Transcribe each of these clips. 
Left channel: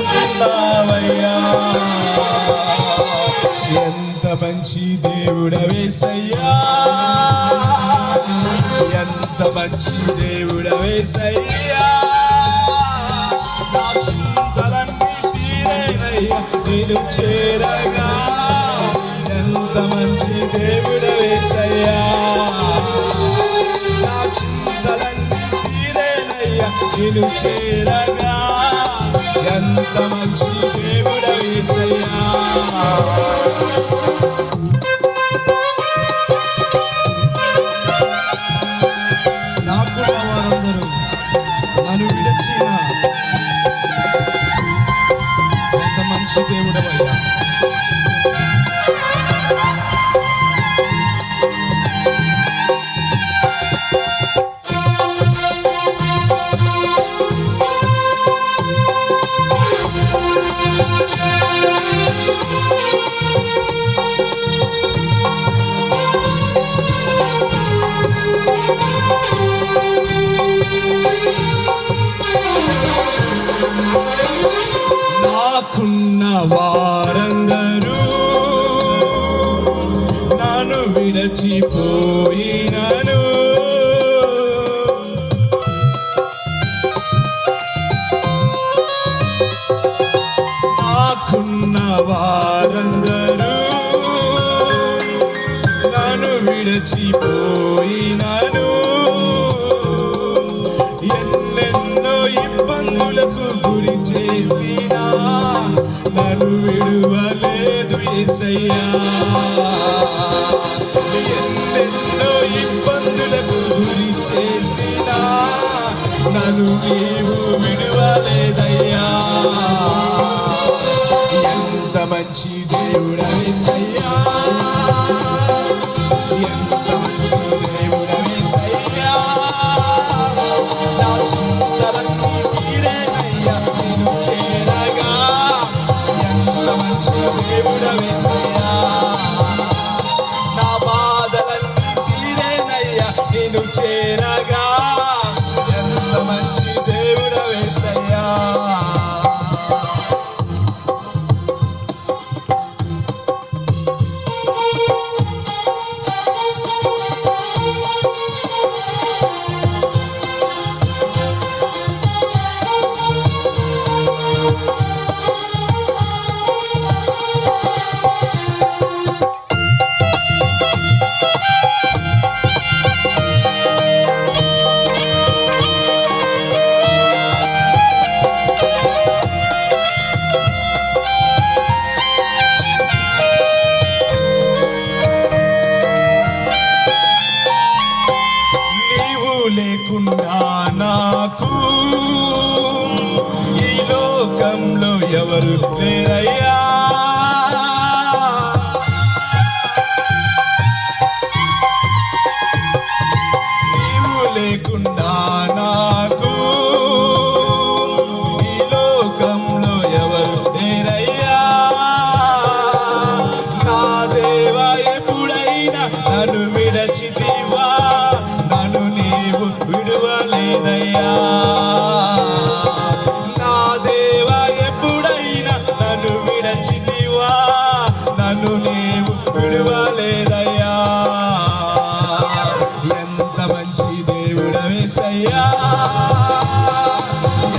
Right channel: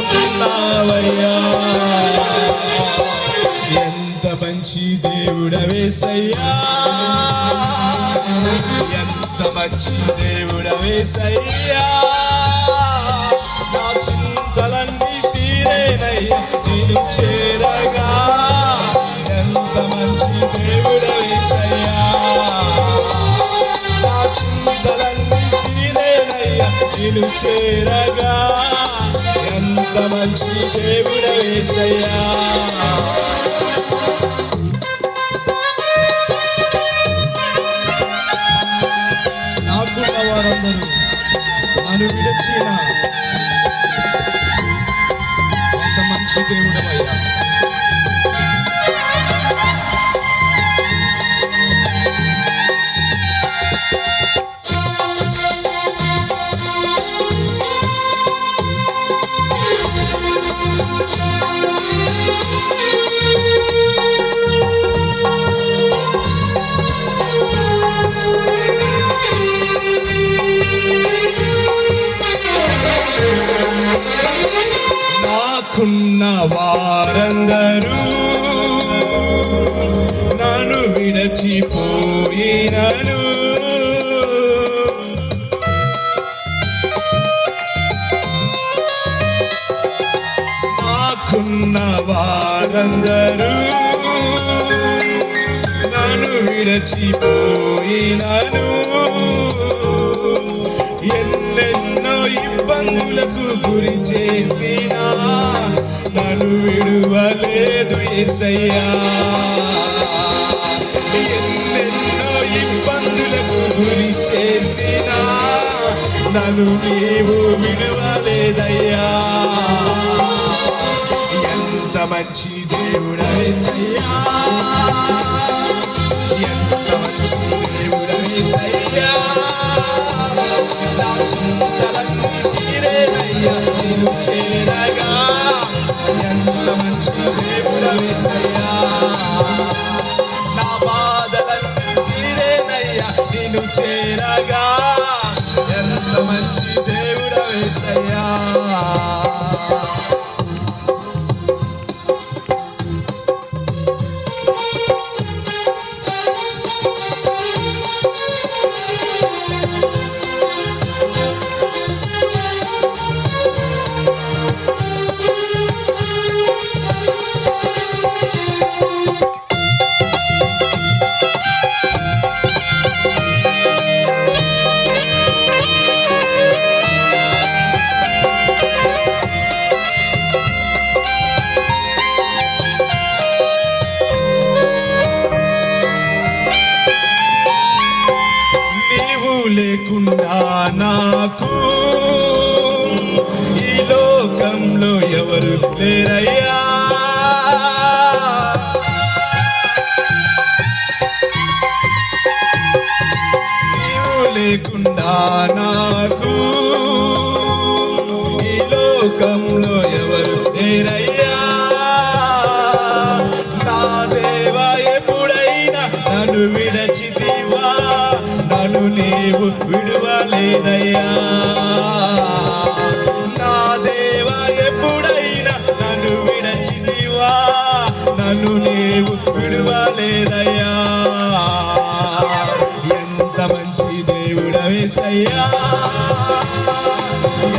ఉన్నావయ్యా. ఎంత మంచి దేవుడవేసయ్యా, ఎంత మంచి దేవుడవేసయ్యా. నా చింతలన్నీ తీరేనయ్యా నేను చేరగా. ఎంత మంచి దేవుడవేసయ్యా, నా చింతలన్నీ తీరేనయ్యా నేను చేరగా. ఎంత మంచి దేవుడవేసయ్యా. నన్ను విడిచిన ఎంత మంచి దేవుడవయ్యా. నాకున్న వారందరూ నన్ను విడచిపోయినను. నాకున్న వారందరూ నన్ను విడచిపోయినను. ఎన్నెన్నో ఇబ్బందులకు గురి చేసినా నన్ను విడువలేదు యేసయ్యా. ఎన్నెన్నో ఇబ్బందులకు గురి చేసినా నన్ను నీవు విడువలేదయ్యా. ఎంత మంచి దేవుడవేసయ్యా, ఎంత మంచి దేవుడవేసయ్యా. నా చింతలన్నీ తీరేనయ్యా నిన్ను చేరగా. ఎంత మంచి దేవుడవేసయ్యా, నా బాధలన్నీ తీరేనయ్యా నిన్ను చేరగా. ఎంత మంచి దేవుడవేసయ్యా. లేకుండా నాకు ఈ లోకంలో ఎవరు లేరయ్యా. నీవు లేకుండా నాకు ఈ లోకంలో ఎవరు లేరయ్యా. నా దేవా ఎప్పుడైనా నన్ను విడచితివా, నన్ను నీవు విడువలేదయ్యా. నా దేవా ఎప్పుడైనా నన్ను విడచితివా, నన్ను నీవు విడువలేదయ్యా. ఎంత మంచి దేవుడవేసయ్యా,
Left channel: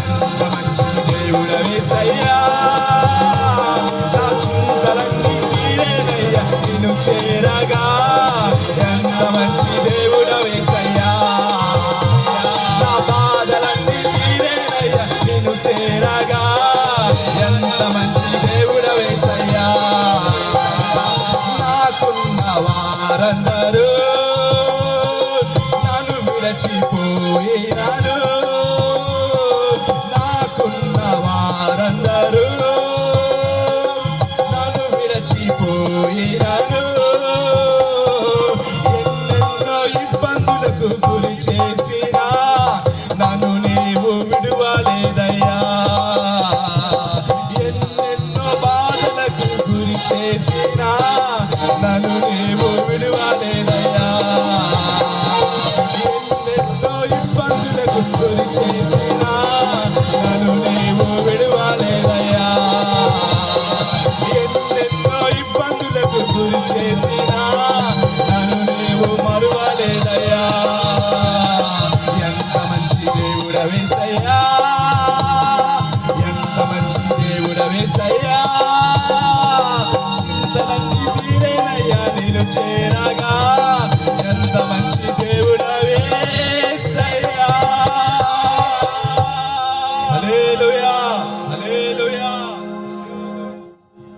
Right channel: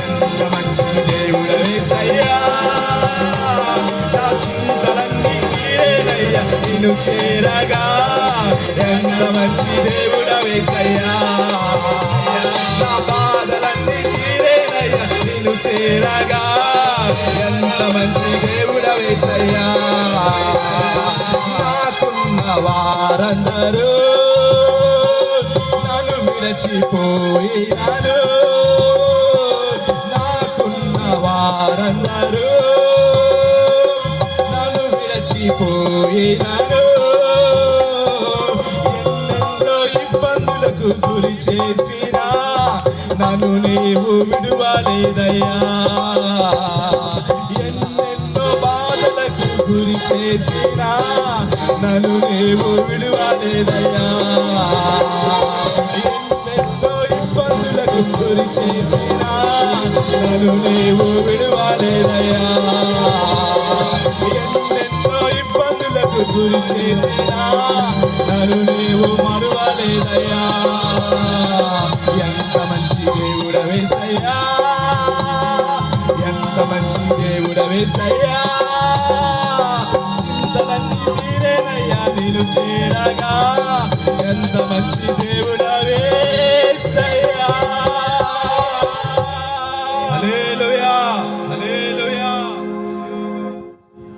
ఎంత మంచి దేవుడవేసయ్యా. నా చింతలన్నీ తీరేనయ్యా నిన్ను చేరగా. ఎంత మంచి దేవుడవేసయ్యా, నా బాధలన్నీ తీరేనయ్యా నిన్ను చేరగా. ఎంత మంచి దేవుడవేసయ్యా. నాకున్న వారందరూ నన్ను విడచిపోయినారు. నాకున్న వారందరూ నన్ను విడచిపోయినారు.